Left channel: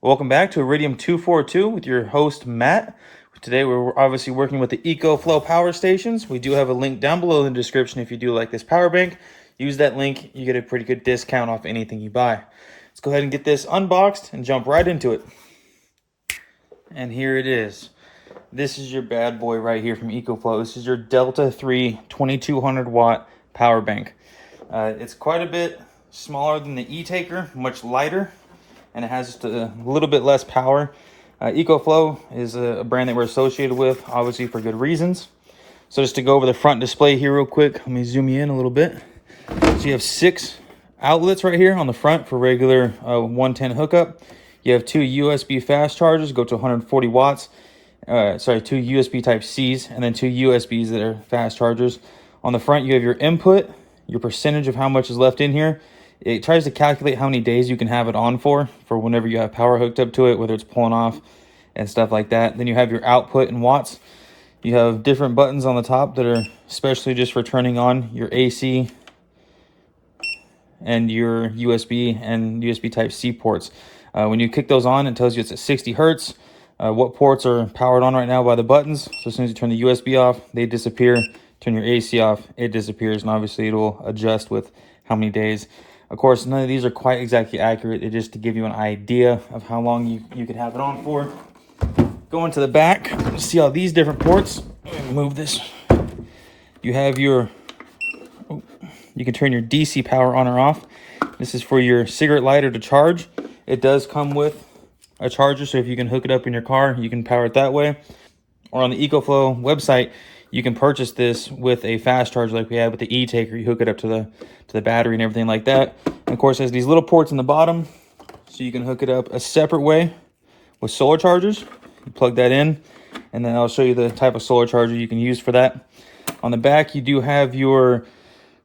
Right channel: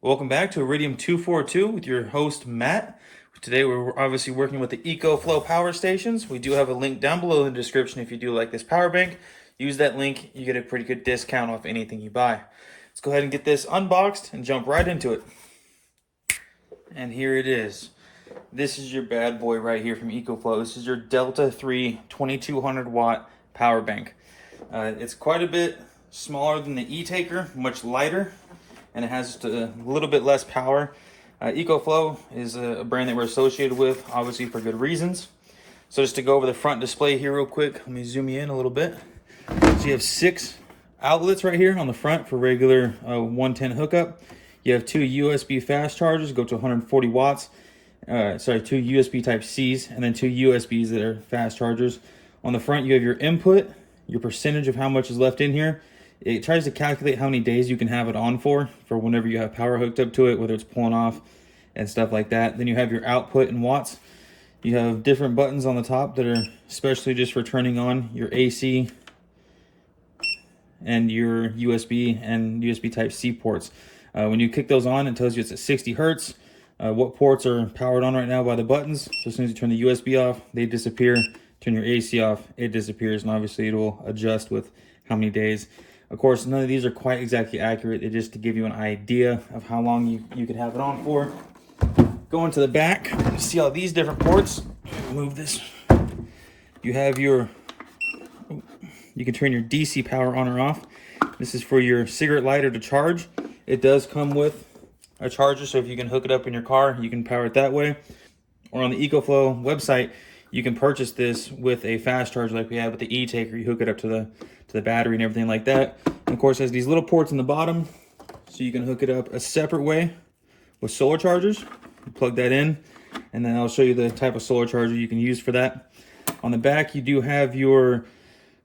Welcome back to Iridium 242 with your host, Matt. Today we're obviously working with the EcoFlow power stations. We do have a link down below in the description if you do like this power bank. Use that link, you get a pretty good discount off anything you buy. Let's go ahead and get this unboxed and jump right into it. And here it is. This is your bad boy right here from EcoFlow. This is your Delta 3 2200 watt power bank. It's quite a bit smaller than the E-Taker, much lighter, and it has just a little bit less power. EcoFlow is a brand that we're associated with, obviously for good reasons. So just to go over the front display here real quick, let me zoom you in a little bit. So you have 6 outlets right here on the front for regular 110 hookup. You have 2 USB fast chargers, go to 140 watts. 2 USB type C's, and then 2 USBs that are fast chargers. On the front, you have your input, your percentage of how much is left in here. It tries to calculate how many days you can have it on for whenever you have power hooked up to it, whether it's pulling off and stuff like that. Then you have your output in watts. You have different buttons on the top that are especially just for turning on your AC and your USB and USB type C ports. When you click those on, it tells you it's at 60 hertz. What ports are powered on right now by the buttons. So as soon as you turn the USB off, they disappear. Turn your AC off, it disappears, and obviously it will adjust with how many days. Of course, none of these are quite exactly accurate. It's just to give you an idea of how long you could have it on for. Going to the back, you see all these different ports. Move this. You have your, you can turn your DC power on or off. This is for your cigarette lighter to charge. It does come with a charger, so if you can hook it up in your car, you can power it that way. Or on the EcoFlow website, you can purchase this with a fast charge like we have with the E-Taker. You hook it up to the battery and everything like that. And of course, it has these little ports in the bottom, so you can hook it up a separate way with solar chargers. You plug that in, and then I'll show you the type of solar charger you can use for that. On the back, you do have your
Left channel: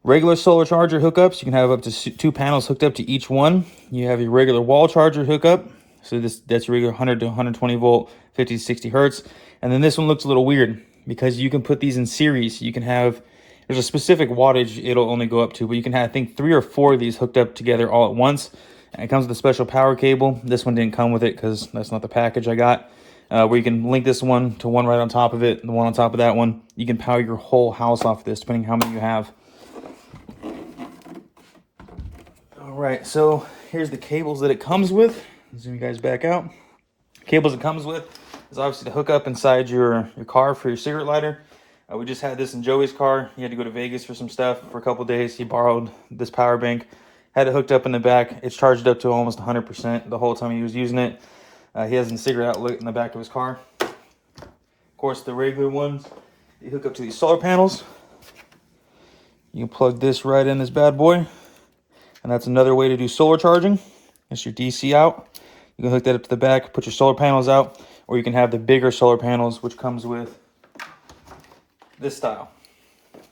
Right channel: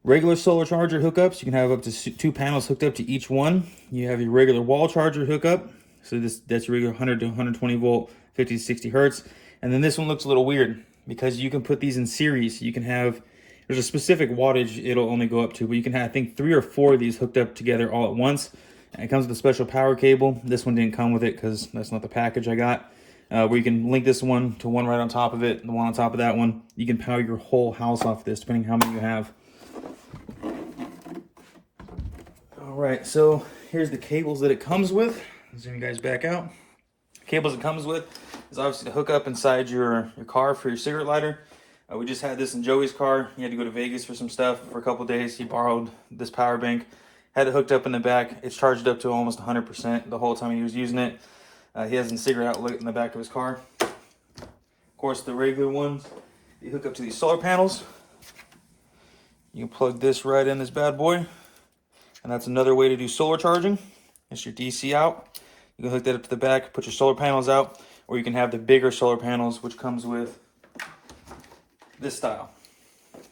regular solar charger hookups. You can have up to 2 panels hooked up to each one. You have your regular wall charger hookup. So that's your regular 100 to 120 volt, 50 to 60 hertz. And then this one looks a little weird because you can put these in series. You can have, there's a specific wattage it'll only go up to, but you can have, I think, 3 or 4 of these hooked up together all at once. And it comes with a special power cable. This one didn't come with it because that's not the package I got. Where you can link this one to one right on top of it, and the one on top of that one. You can power your whole house off of this, depending how many you have. All right, so here's the cables that it comes with. Zoom you guys back out. Cables it comes with is obviously to hook up inside your car for your cigarette lighter. We just had this in Joey's car. He had to go to Vegas for some stuff for a couple days. He borrowed this power bank, had it hooked up in the back. It's charged up to almost 100% the whole time he was using it. He has a cigarette outlet in the back of his car. Of course, the regular ones, you hook up to these solar panels. You can plug this right in this bad boy. And that's another way to do solar charging. It's your DC out. You can hook that up to the back, put your solar panels out, or you can have the bigger solar panels, which comes with this style.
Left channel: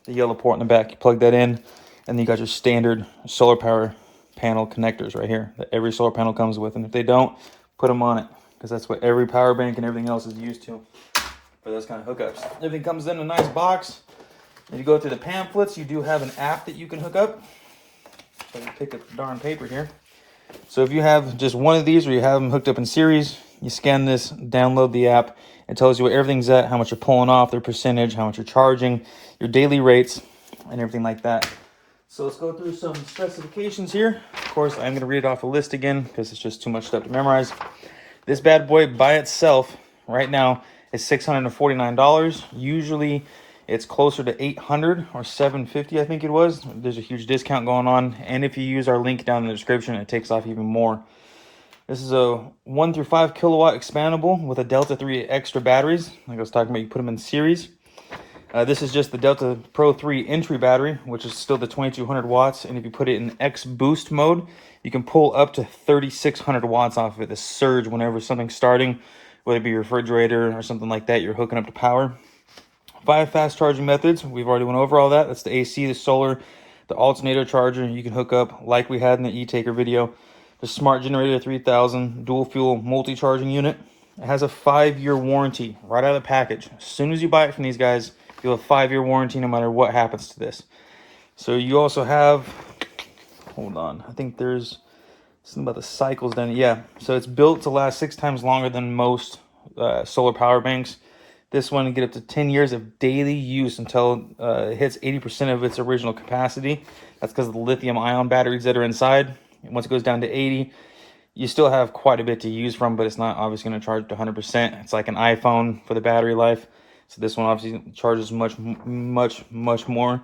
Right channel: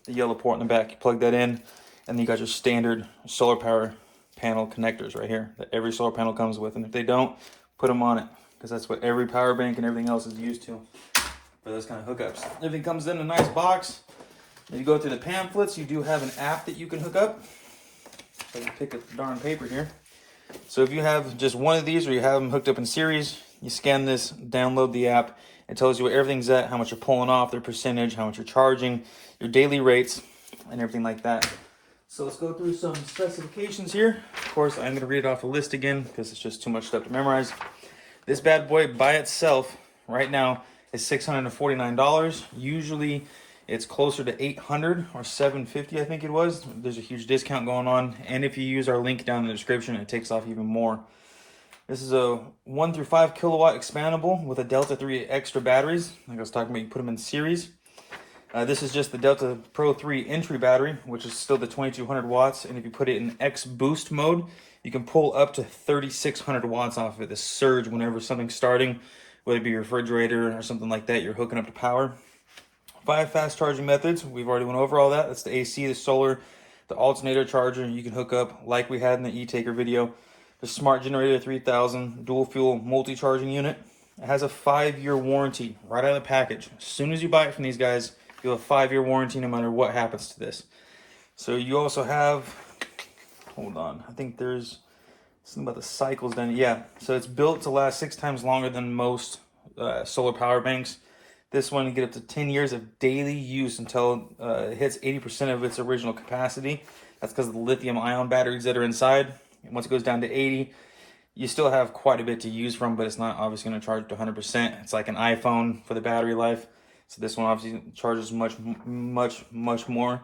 The yellow port in the back, you plug that in, and then you got your standard solar power panel connectors right here that every solar panel comes with. And if they don't, put them on it, because that's what every power bank and everything else is used to for those kind of hookups. Everything comes in a nice box. If you go through the pamphlets, you do have an app that you can hook up. So I can pick up the darn paper here. So if you have just one of these or you have them hooked up in series, you scan this, download the app. It tells you what everything's at, how much you're pulling off, their percentage, how much you're charging, your daily rates, and everything like that. So let's go through some specifications here. Of course, I'm going to read off a list again because it's just too much stuff to memorize. This bad boy by itself right now is $649. Usually it's closer to $800 or $750, I think it was. There's a huge discount going on. And if you use our link down in the description, it takes off even more. This is a 1 through 5 kilowatt expandable with a Delta 3 extra batteries. Like I was talking about, you put them in series. This is just the Delta Pro 3 entry battery, which is still the 2200 watts. And if you put it in X boost mode, you can pull up to 3600 watts off of it. The surge whenever something's starting, whether it be your refrigerator or something like that, you're hooking up to power. 5 fast charging methods. We've already went over all that. That's the AC, the solar, the alternator charger. You can hook up like we had in the E-Taker video. The Smart Generator 3000 dual fuel multi-charging unit. It has a 5-year warranty right out of the package. As soon as you buy it from these guys, you'll have a 5-year warranty no matter what happens to this. So you also have, hold on, I think there's Something about the cycles then. Yeah, so it's built to last 6 times longer than most solar power banks. This one, you get up to 10 years of daily use until it hits 80% of its original capacity. That's because of the lithium ion batteries that are inside. And once it goes down to 80, you still have quite a bit to use from, but it's not obviously going to charge to 100%. It's like an iPhone for the battery life. So this one obviously charges much more.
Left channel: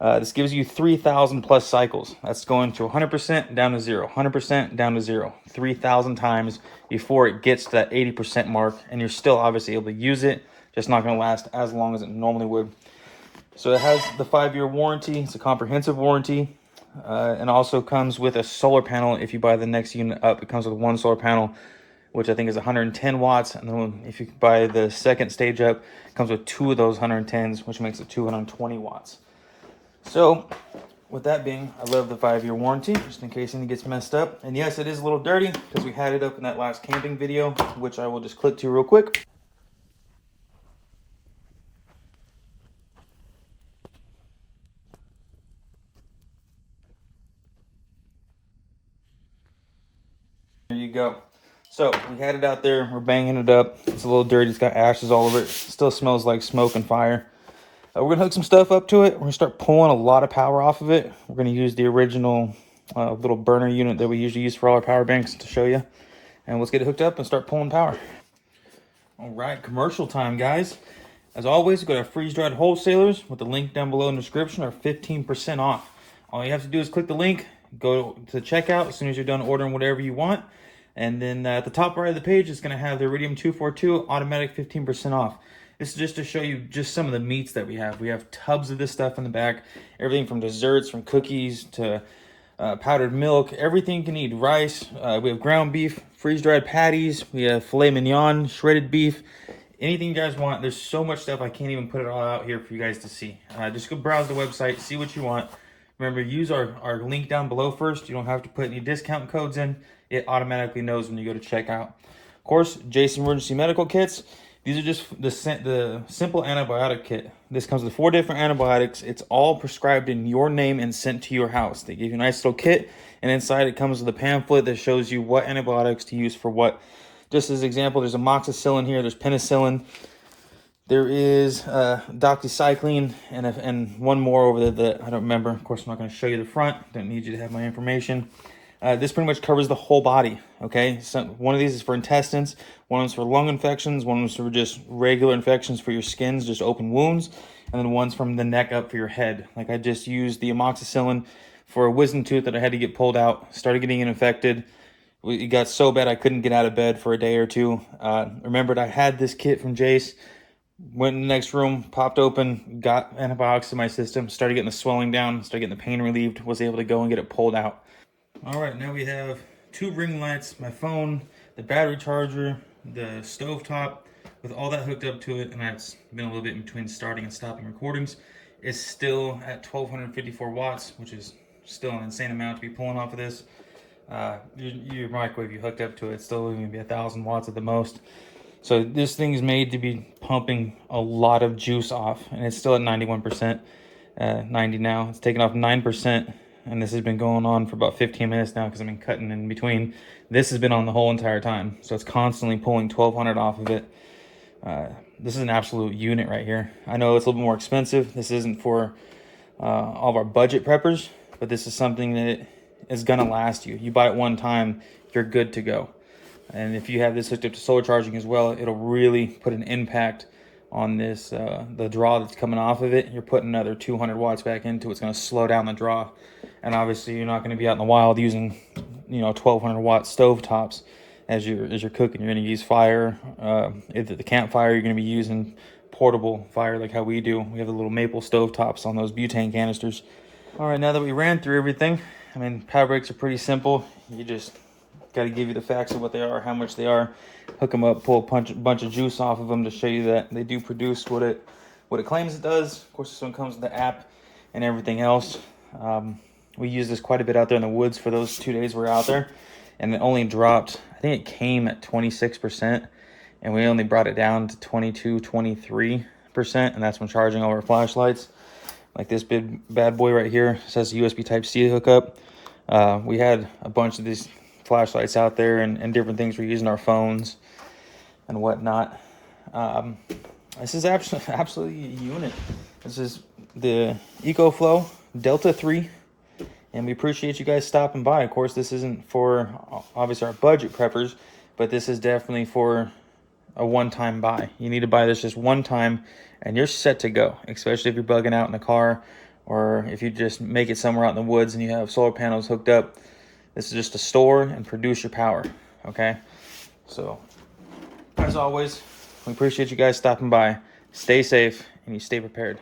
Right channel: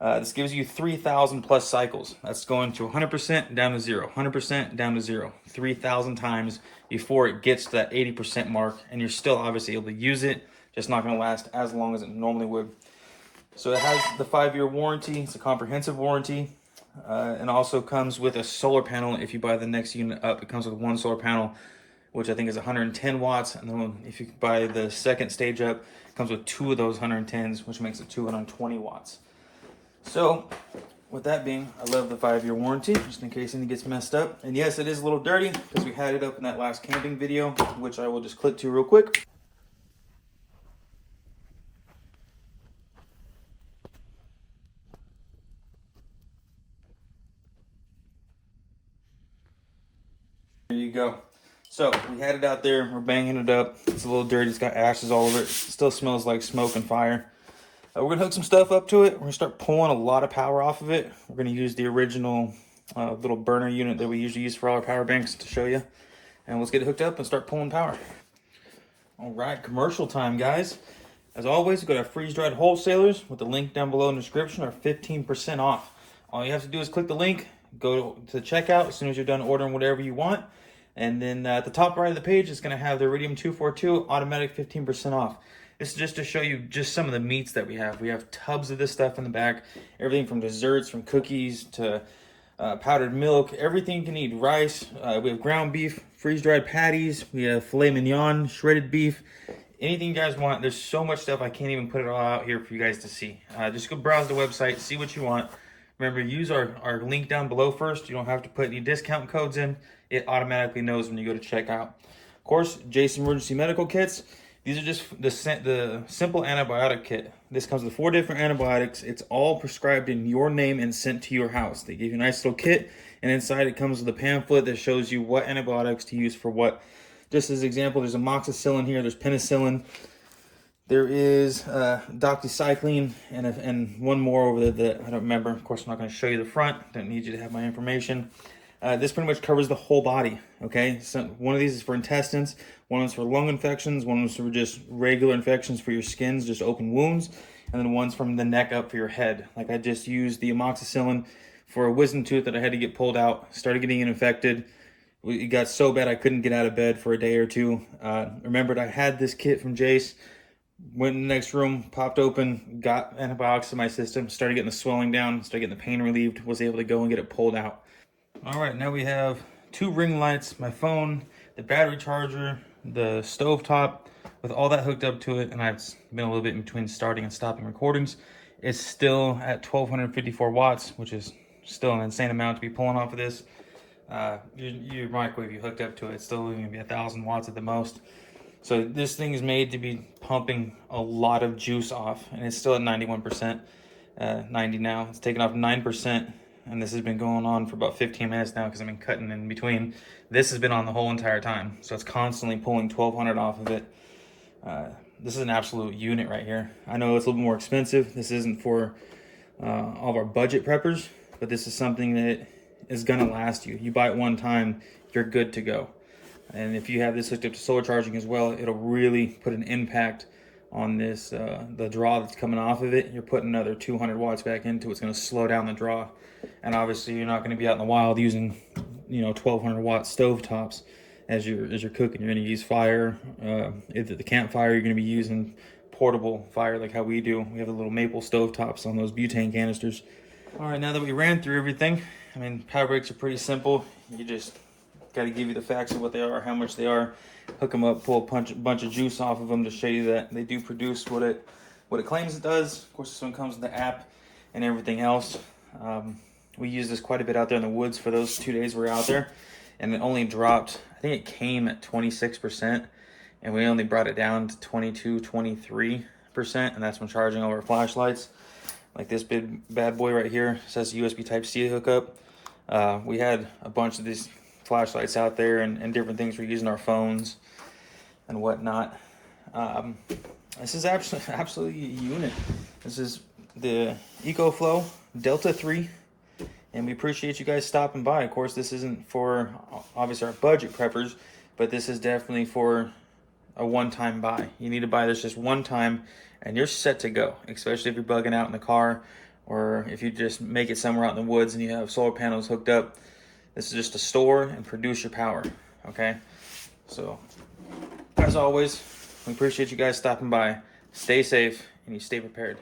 This gives you 3,000 plus cycles. That's going to 100% down to 0, 100% down to 0, 3,000 times before it gets to that 80% mark, and you're still obviously able to use it, just not going to last as long as it normally would. So it has the 5-year warranty. It's a comprehensive warranty, and also comes with a solar panel. If you buy the next unit up, it comes with one solar panel, which I think is 110 watts. And then if you buy the second stage up, it comes with 2 of those 110s, which makes it 220 watts. So with that being, I love the 5-year warranty, just in case anything gets messed up. And yes, it is a little dirty because we had it up in that last camping video, which I will just click to real quick. There you go. So we had it out there, we're banging it up. It's a little dirty, it's got ashes all over it. Still smells like smoke and fire. We're gonna hook some stuff up to it. We're gonna start pulling a lot of power off of it. We're gonna use the original little burner unit that we usually use for all our power banks to show you. And let's get it hooked up and start pulling power. All right, commercial time, guys. As always, go to freeze-dried wholesalers with the link down below in the description, or 15% off. All you have to do is click the link, go to checkout as soon as you're done ordering whatever you want. And then at the top right of the page, it's gonna have the Iridium 242 automatic 15% off. This is just to show you just some of the meats that we have. We have tubs of this stuff in the back. Everything from desserts, from cookies to powdered milk, everything you can eat. Rice, we have ground beef, freeze-dried patties, we have filet mignon, shredded beef, anything you guys want. There's so much stuff, I can't even put it all out here for you guys to see. Just go browse the website, see what you want. Remember, use our link down below first. You don't have to put any discount codes in. It automatically knows when you go to checkout. Of course, Jason Emergency Medical Kits. These are just the simple antibiotic kit. This comes with 4 different antibiotics. It's all prescribed in your name and sent to your house. They give you a nice little kit, and inside it comes with a pamphlet that shows you what antibiotics to use for what. Just as an example, there's amoxicillin here, there's penicillin, there is doxycycline, and one more over there that I don't remember. Of course, I'm not going to show you the front. Don't need you to have my information. This pretty much covers the whole body, okay? So one of these is for intestines, one is for lung infections, one is for just regular infections for your skins, just open wounds, and then one's from the neck up for your head. Like I just used the amoxicillin for a wisdom tooth that I had to get pulled out, started getting infected. It got so bad I couldn't get out of bed for a day or two. Remembered I had this kit from Jace, went in the next room, popped open, got antibiotics in my system, started getting the swelling down, started getting the pain relieved, was able to go and get it pulled out. All right, now we have 2 ring lights, my phone, the battery charger, the stove top, with all that hooked up to it, and I've been a little bit in between starting and stopping recordings. It's still at 1,254 watts, which is still an insane amount to be pulling off of this. Your microwave you hooked up to it's still going to be 1,000 watts at the most. So this thing is made to be pumping a lot of juice off, and it's still at 91%, 90 now. It's taken off 9%. And this has been going on for about 15 minutes now because I've been cutting in between. This has been on the whole entire time. So it's constantly pulling 1,200 off of it. This is an absolute unit right here. I know it's a little bit more expensive. This isn't for all of our budget preppers, but this is something that is gonna last you. You buy it one time, you're good to go. And if you have this hooked up to solar charging as well, it'll really put an impact on this, the draw that's coming off of it. You're putting another 200 watts back into it. It's going to slow down the draw. And obviously you're not going to be out in the wild using, 1,200 watt stove tops as you're cooking. You're going to use fire, either the campfire, you're going to be using portable fire like how we do. We have the little maple stove tops on those butane canisters. All right, now that we ran through everything, I mean, power breaks are pretty simple. You just got to give you the facts of what they are, how much they are, hook them up, pull a bunch of juice off of them to show you that they do produce what it claims it does. Of course, this one comes with the app and everything else. We used this quite a bit out there in the woods for those 2 days we were out there, and it only dropped, I think it came at 26%, and we only brought it down to 22, 23%, and that's when charging all our flashlights. Like this big bad boy right here, it says USB Type-C hookup. We had a bunch of these flashlights out there and different things we're using, our phones and whatnot. This is absolutely a unit. This is the EcoFlow Delta 3, and we appreciate you guys stopping by. Of course, this isn't for obviously our budget preppers, but this is definitely for a one-time buy. You need to buy this just one time and you're set to go, especially if you're bugging out in the car, or if you just make it somewhere out in the woods and you have solar panels hooked up. This is just to store and produce your power, okay? So, as always, we appreciate you guys stopping by. Stay safe and you stay prepared.